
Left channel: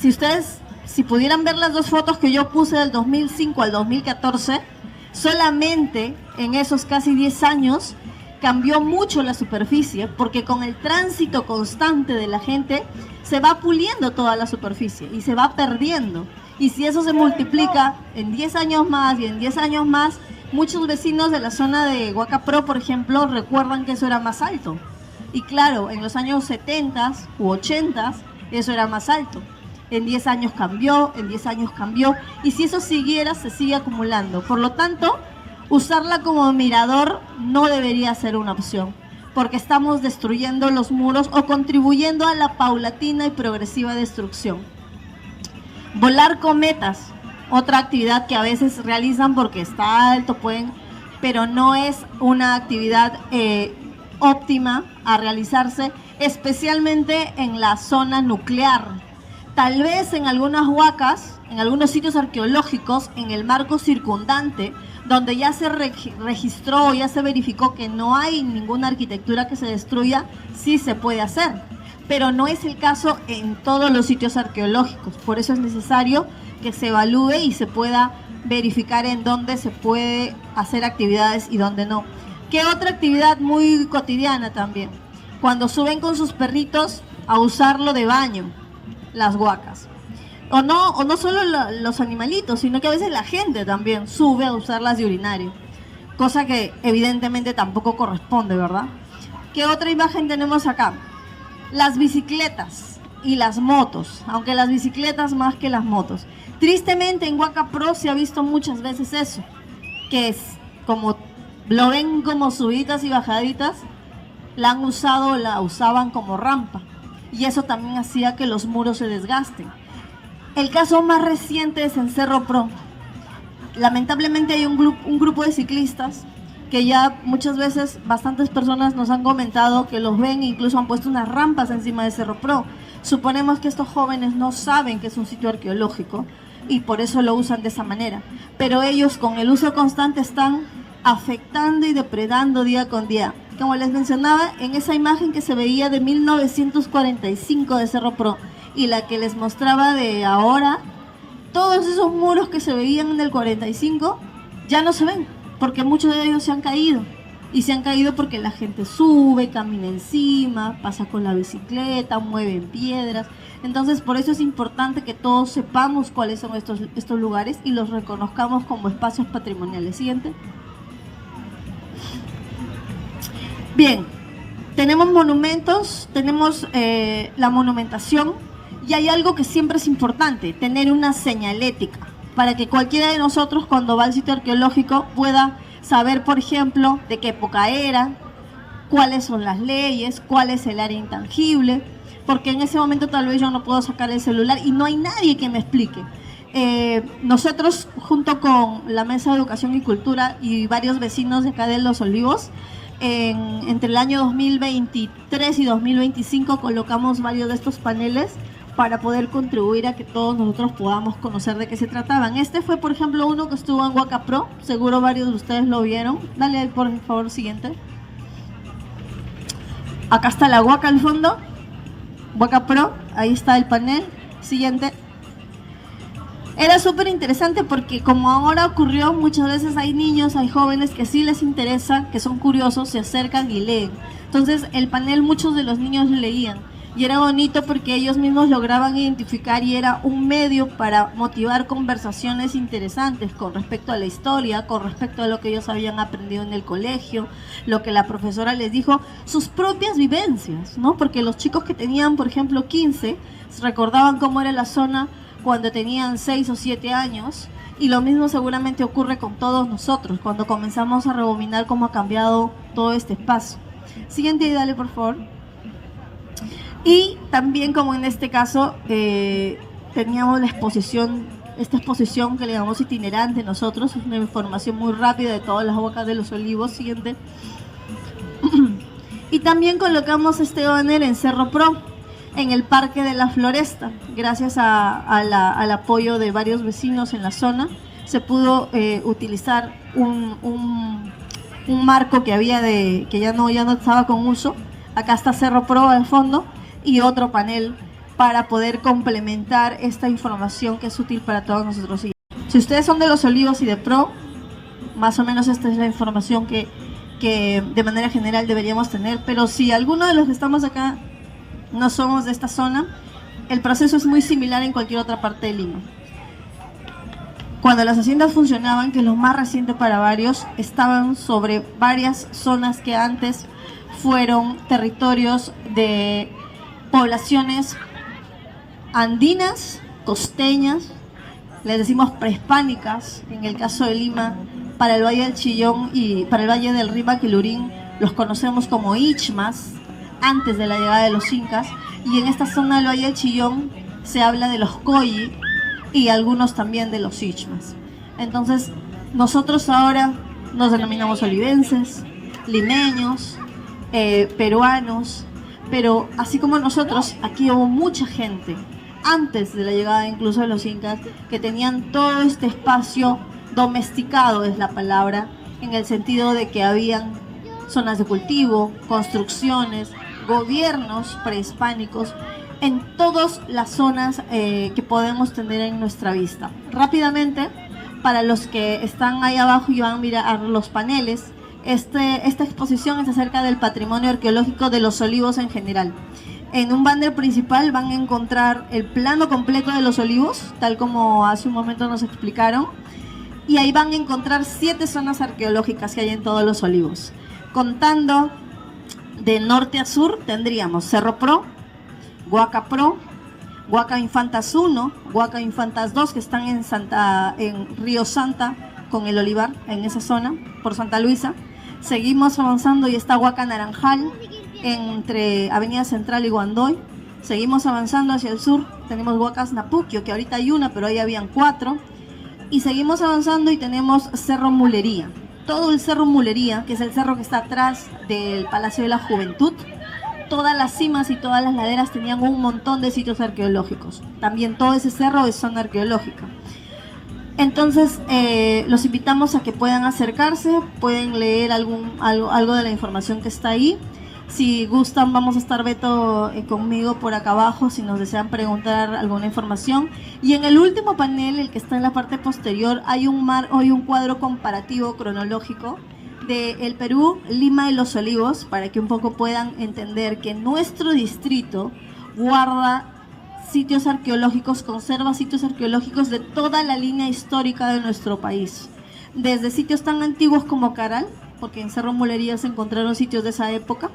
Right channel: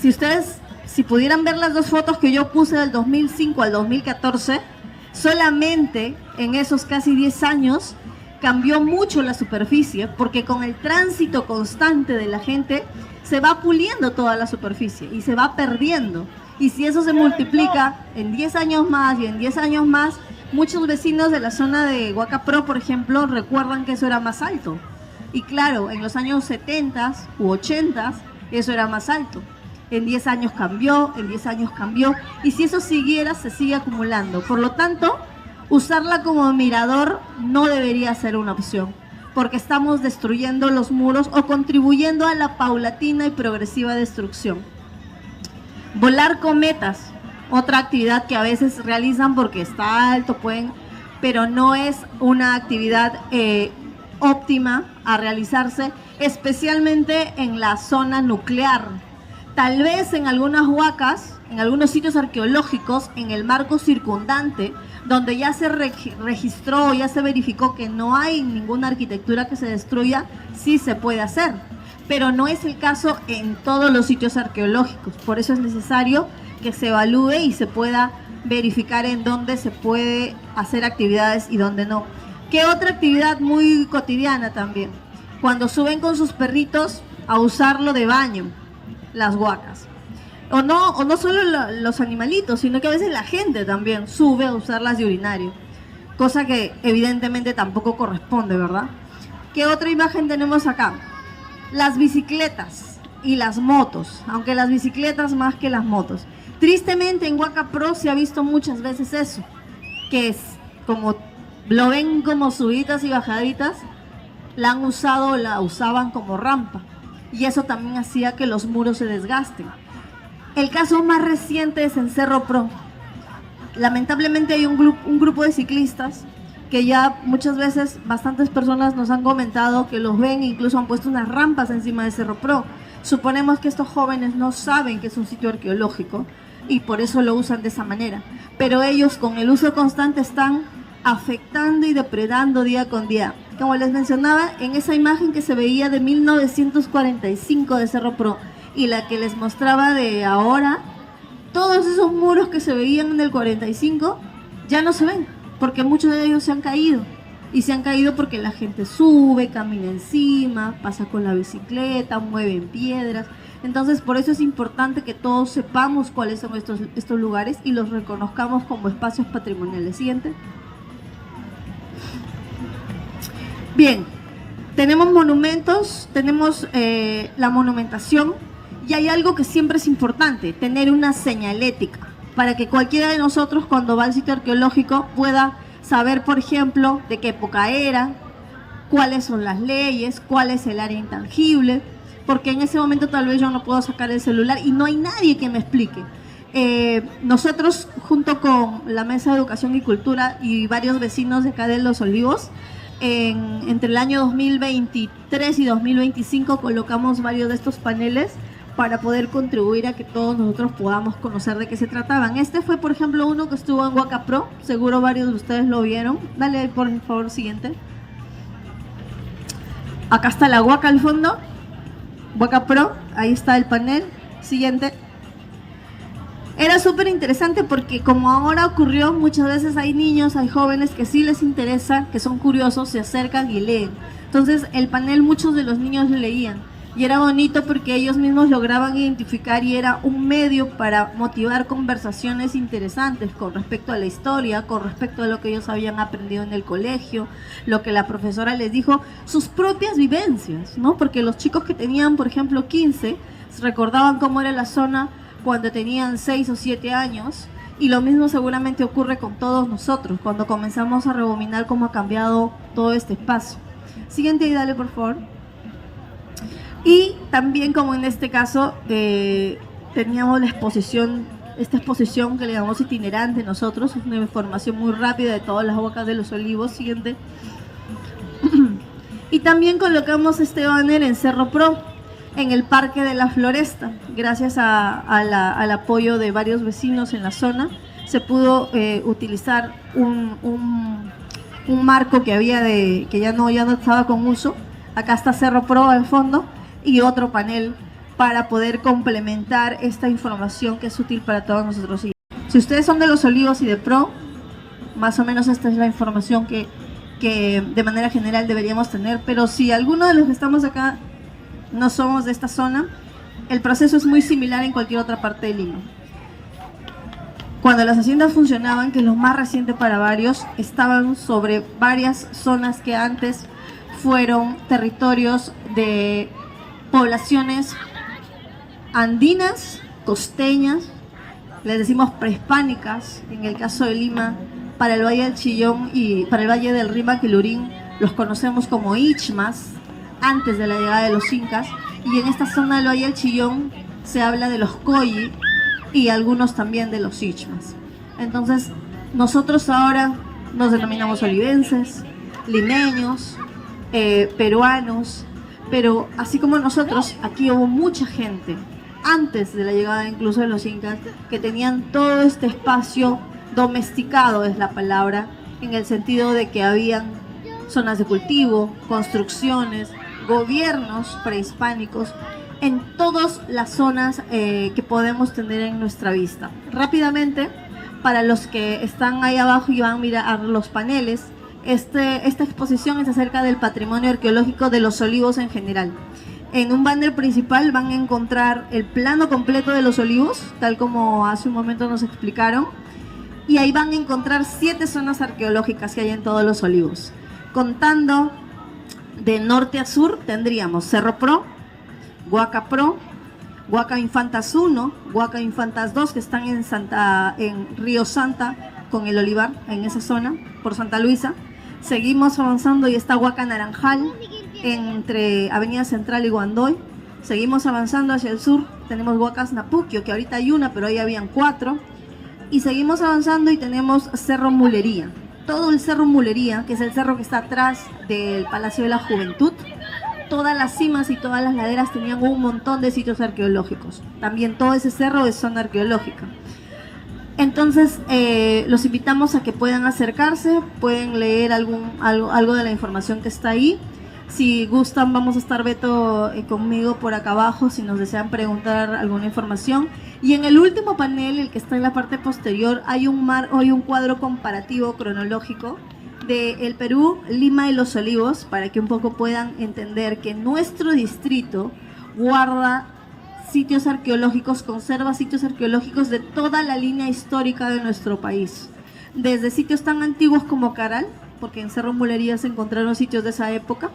si pudieran ver las dos fotos que yo puse del 2005 al 2014, solamente en esos casi 10 años cambió mucho la superficie, porque con el tránsito constante de la gente se va puliendo toda la superficie y se va perdiendo. Y si eso se multiplica en 10 años más y en 10 años más, muchos vecinos de la zona de Huacapro, por ejemplo, recuerdan que eso era más alto. Y claro, en los años 70 u 80 eso era más alto. En 10 años cambió, en 10 años cambió. Y si eso siguiera, se sigue acumulando. Por lo tanto, usarla como mirador no debería ser una opción, porque estamos destruyendo los muros o contribuyendo a la paulatina y progresiva destrucción. Volar cometas, otra actividad que a veces realizan porque está alto, pero no es una actividad óptima a realizarse, especialmente en la zona nuclear. Tal vez en algunas huacas, en algunos sitios arqueológicos, en el marco circundante, donde ya se registró, ya se verificó que no hay ninguna arquitectura que se destruya, sí se puede hacer. Pero no es el caso en todos los sitios arqueológicos. Por eso es necesario que se evalúe y se pueda verificar en dónde se puede hacer actividades y dónde no. ¿Qué otra actividad muy cotidiana también? Cuando suben con sus perritos a usarlo de baño, las huacas. O no solo los animalitos, sino que a veces la gente también sube a usarlas de urinario. Cosa que evidentemente tampoco corresponde, ¿verdad? ¿Qué otra imagen tenemos acá? Las bicicletas y las motos, aunque las bicicletas más que las motos. Tristemente en Huacapro se ha visto muchas veces eso, que es como lo ven como subidas y bajaditas, la han usado, la usaban como rampa, y eso también hacía que los muros se desgasten. El caso más reciente es en Cerro Pro. Lamentablemente hay un grupo de ciclistas que ya muchas veces bastantes personas nos han comentado que los ven e incluso han puesto unas rampas encima de Cerro Pro. Suponemos que estos jóvenes no saben que es un sitio arqueológico y por eso lo usan de esa manera. Pero ellos con el uso constante están afectando y depredando día con día. Como les mencionaba, en esa imagen que se veía de 1945 de Cerro Pro y la que les mostraba de ahora, todos esos muros que se veían en el 45 ya no se ven, porque muchos de ellos se han caído. Y se han caído porque la gente sube, camina encima, pasa con la bicicleta, mueven piedras. Entonces, por eso es importante que todos sepamos cuáles son estos lugares y los reconozcamos como espacios patrimoniales. Siguiente. Bien, tenemos monumentos, tenemos la monumentación, y hay algo que siempre es importante, tener una señalética, para que cualquiera de nosotros cuando va al sitio arqueológico pueda saber, por ejemplo, de qué época era, cuáles son las leyes, cuál es el área intangible, porque en ese momento tal vez yo no puedo sacar el celular y no hay nadie que me explique. Nosotros, junto con la Mesa de Educación y Cultura y varios vecinos de acá de Los Olivos, entre el año 2023 y 2025 colocamos varios de estos paneles para poder contribuir a que todos nosotros podamos conocer de qué se trataban. Este fue, por ejemplo, uno que estuvo en Huacapro, seguro varios de ustedes lo vieron. Dale, por favor, siguiente. Acá está la Huaca al fondo, Huacapro, ahí está el panel. Siguiente. Era súper interesante porque como ahora ocurrió, muchas veces hay niños, hay jóvenes que sí les interesa, que son curiosos, se acercan y leen. Entonces el panel muchos de los niños leían. Y era bonito porque ellos mismos lograban identificar y era un medio para motivar conversaciones interesantes con respecto a la historia, con respecto a lo que ellos habían aprendido en el colegio, lo que la profesora les dijo, sus propias vivencias, ¿no? Porque los chicos que tenían, por ejemplo, 15, recordaban cómo era la zona cuando tenían 6 o 7 años, y lo mismo seguramente ocurre con todos nosotros, cuando comenzamos a rebobinar cómo ha cambiado todo este espacio. Siguiente y dale, por favor. Y también, como en este caso, teníamos la exposición, esta exposición que le llamamos itinerante nosotros, es una información muy rápida de todas las huacas de Los Olivos. Siguiente. Y también colocamos este banner en Cerro Pro, en el Parque de la Floresta. Gracias al apoyo de varios vecinos en la zona, se pudo utilizar un marco que había que ya no estaba con uso. Acá está Cerro Pro al fondo, y otro panel para poder complementar esta información que es útil para todos nosotros. Si ustedes son de Los Olivos y de Pro, más o menos esta es la información que que de manera general deberíamos tener, pero si alguno de los que estamos acá no somos de esta zona, el proceso es muy similar en cualquier otra parte de Lima. Cuando las haciendas funcionaban, que lo más reciente para varios, estaban sobre varias zonas que antes fueron territorios de poblaciones andinas, costeñas, les decimos prehispánicas, en el caso de Lima, para el Valle del Chillón y para el Valle del Rímac y Lurín los conocemos como Ichmas, antes de la llegada de los incas, y en esta zona del Valle del Chillón se habla de los Coyi y algunos también de los Ichmas. Entonces, nosotros ahora nos denominamos olivenses, limeños, peruanos, pero así como nosotros, aquí hubo mucha gente, antes de la llegada incluso de los incas, que tenían todo este espacio domesticado, es la palabra, en el sentido de que habían zonas de cultivo, construcciones, gobiernos prehispánicos en todas las zonas que podemos tener en nuestra vista. Rápidamente, para los que están ahí abajo y van a mirar los paneles, esta exposición es acerca del patrimonio arqueológico de Los Olivos en general. En un banner principal van a encontrar el plano completo de Los Olivos, tal como hace un momento nos explicaron, y ahí van a encontrar 7 zonas arqueológicas que hay en todos Los Olivos. Contando de norte a sur, tendríamos Cerro Pro, Huaca Pro, Huaca Infantas 1, Huaca Infantas 2, que están en Río Santa, con el Olivar, en esa zona, por Santa Luisa. Seguimos avanzando y está Huaca Naranjal, entre Avenida Central y Guandoy. Seguimos avanzando hacia el sur, tenemos Huacas Napuquio, que ahorita hay una, pero ahí habían 4. Y seguimos avanzando y tenemos Cerro Mulería. Todo el Cerro Mulería, que es el cerro que está atrás del Palacio de la Juventud, todas las cimas y todas las laderas tenían un montón de sitios arqueológicos. También todo ese cerro es zona arqueológica. Entonces, los invitamos a que puedan acercarse, pueden leer algo de la información que está ahí. Si gustan, vamos a estar Beto conmigo por acá abajo si nos desean preguntar alguna información. Y en el último panel, el que está en la parte posterior, hay un cuadro comparativo cronológico de el Perú, Lima y Los Olivos, para que un poco puedan entender que nuestro distrito guarda sitios arqueológicos, conserva sitios arqueológicos de toda la línea histórica de nuestro país. Desde sitios tan antiguos como Caral, porque en Cerro Mulería se encontraron sitios de esa época,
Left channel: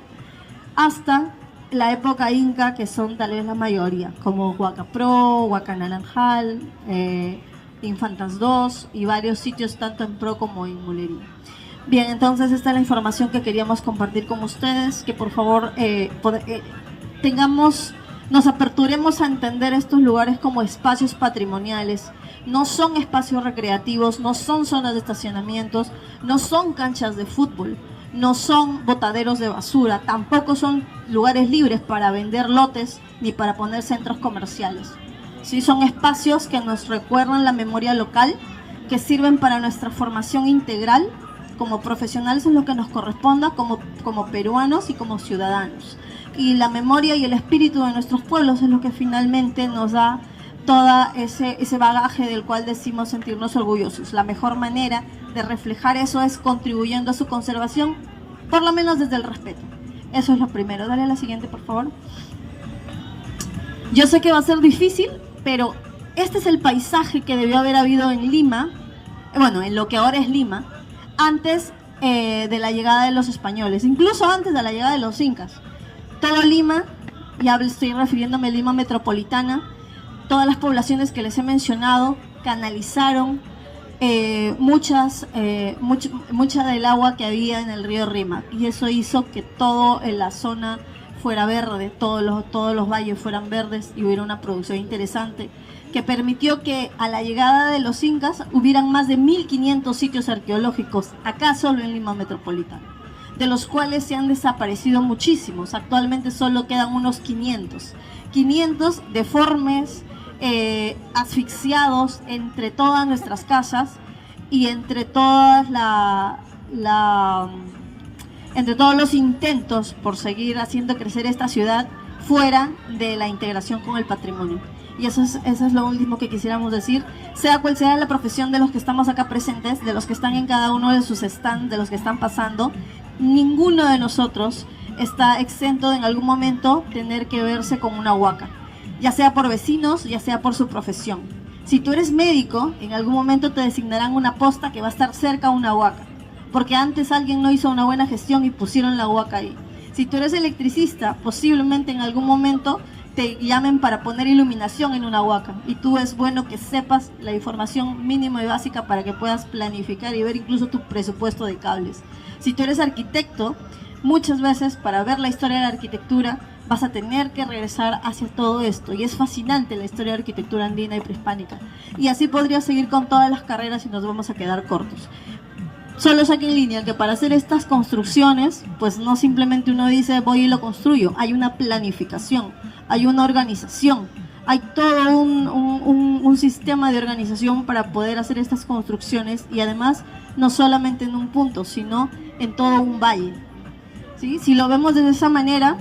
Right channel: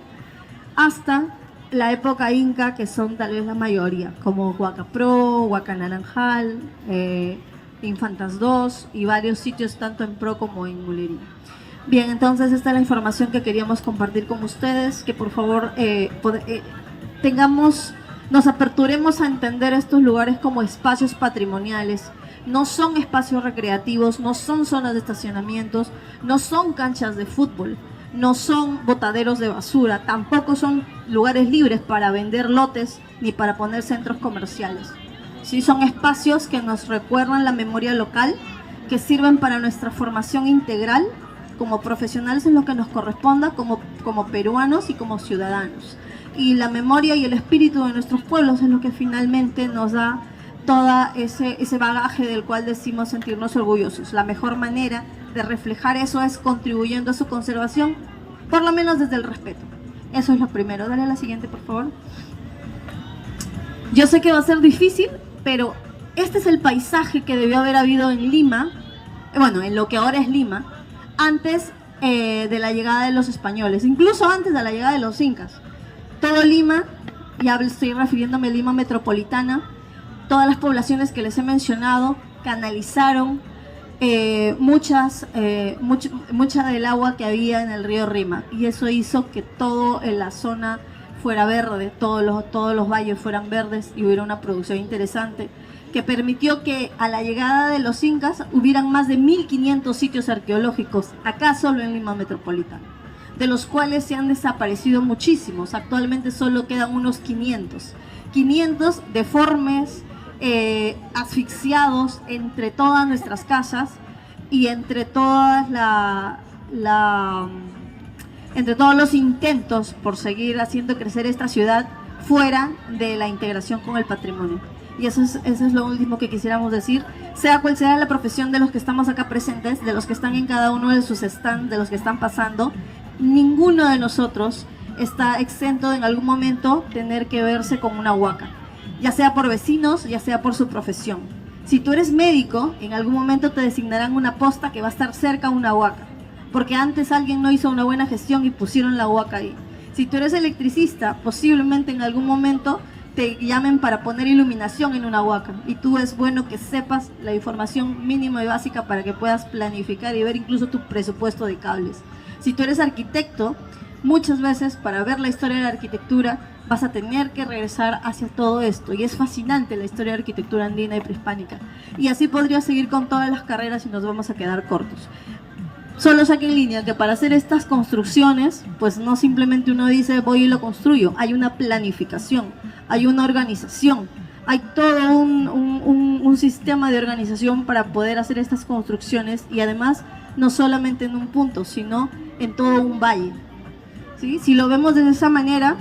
hasta la época inca, que son tal vez la mayoría, como Huaca Pro, Huaca Naranjal, Infantas 2 y varios sitios tanto en Pro como en Mulería. Bien, entonces esta es la información que queríamos compartir con ustedes, que por favor nos aperturemos a entender estos lugares como espacios patrimoniales. No son espacios recreativos, no son zonas de estacionamientos, no son canchas de fútbol, no son botaderos de basura, tampoco son lugares libres para vender lotes ni para poner centros comerciales. Sí, son espacios que nos recuerdan la memoria local, que sirven para nuestra formación integral como profesionales en lo que nos corresponda, como peruanos y como ciudadanos. Y la memoria y el espíritu de nuestros pueblos es lo que finalmente nos da todo ese bagaje del cual decimos sentirnos orgullosos. La mejor manera de reflejar eso es contribuyendo a su conservación, por lo menos desde el respeto. Eso es lo primero. Dale a la siguiente, por favor. Yo sé que va a ser difícil, pero este es el paisaje que debió haber habido en Lima, bueno, en lo que ahora es Lima, antes de la llegada de los españoles, incluso antes de la llegada de los incas. Todo Lima, ya estoy refiriéndome a Lima metropolitana, todas las poblaciones que les he mencionado canalizaron mucha del agua que había en el río Rímac, y eso hizo que todo en la zona fuera verde, todos los valles fueran verdes y hubiera una producción interesante que permitió que a la llegada de los incas hubieran más de 1500 sitios arqueológicos acá solo en Lima metropolitana, de los cuales se han desaparecido muchísimos. Actualmente solo quedan unos 500 deformes, asfixiados entre todas nuestras casas y entre todas entre todos los intentos por seguir haciendo crecer esta ciudad fuera de la integración con el patrimonio. Y eso es lo último que quisiéramos decir, sea cual sea la profesión de los que estamos acá presentes, de los que están en cada uno de sus stands, de los que están pasando. ninguno de nosotros está exento de en algún momento tener que verse con una huaca, ya sea por vecinos, ya sea por su profesión. Si tú eres médico, en algún momento te designarán una posta que va a estar cerca a una huaca, porque antes alguien no hizo una buena gestión y pusieron la huaca ahí. Si tú eres electricista, posiblemente en algún momento te llamen para poner iluminación en una huaca, y tú es bueno que sepas la información mínima y básica para que puedas planificar y ver incluso tu presupuesto de cables. Si tú eres arquitecto, muchas veces para ver la historia de la arquitectura vas a tener que regresar hacia todo esto, y es fascinante la historia de arquitectura andina y prehispánica, y así podría seguir con todas las carreras y nos vamos a quedar cortos. Solo saque en línea que para hacer estas construcciones, pues no simplemente uno dice voy y lo construyo, hay una planificación, hay una organización, hay todo un sistema de organización para poder hacer estas construcciones, y además no solamente en un punto, sino en todo un valle. ¿Sí? Si lo vemos de esa manera,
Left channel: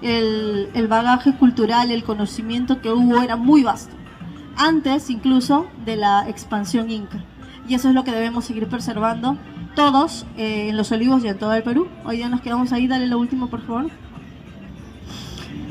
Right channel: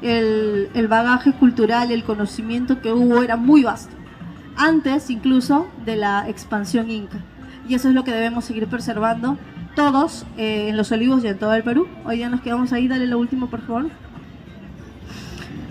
el bagaje cultural, el conocimiento que hubo era muy vasto, antes incluso de la expansión inca. Y eso es lo que debemos seguir preservando todos en Los Olivos y en todo el Perú. Hoy día nos quedamos ahí, dale lo último por favor.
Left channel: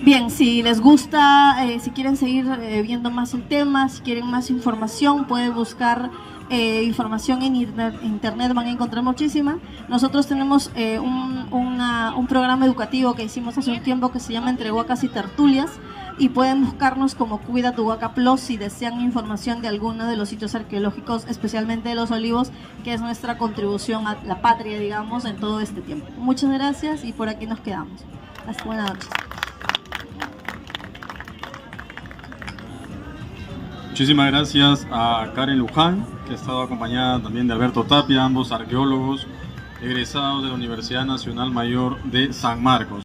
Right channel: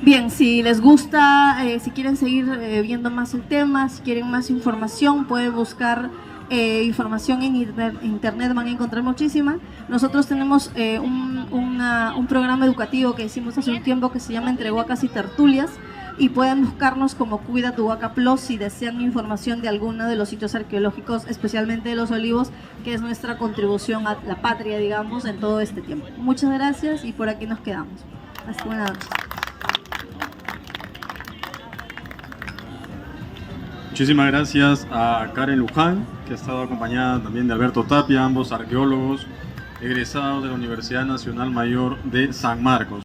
Bien, si les gusta, si quieren seguir viendo más el tema, si quieren más información, pueden buscar información en internet, van a encontrar muchísima. Nosotros tenemos un programa educativo que hicimos hace un tiempo que se llama Entre Huacas y Tertulias, y pueden buscarnos como Cuida tu Huaca Plus si desean información de alguno de los sitios arqueológicos, especialmente de Los Olivos, que es nuestra contribución a la patria, digamos, en todo este tiempo. Muchas gracias y por aquí nos quedamos. Hasta buenas noches. Muchísimas gracias a Karen Luján, que ha estado acompañada también de Alberto Tapia, ambos arqueólogos egresados de la Universidad Nacional Mayor de San Marcos.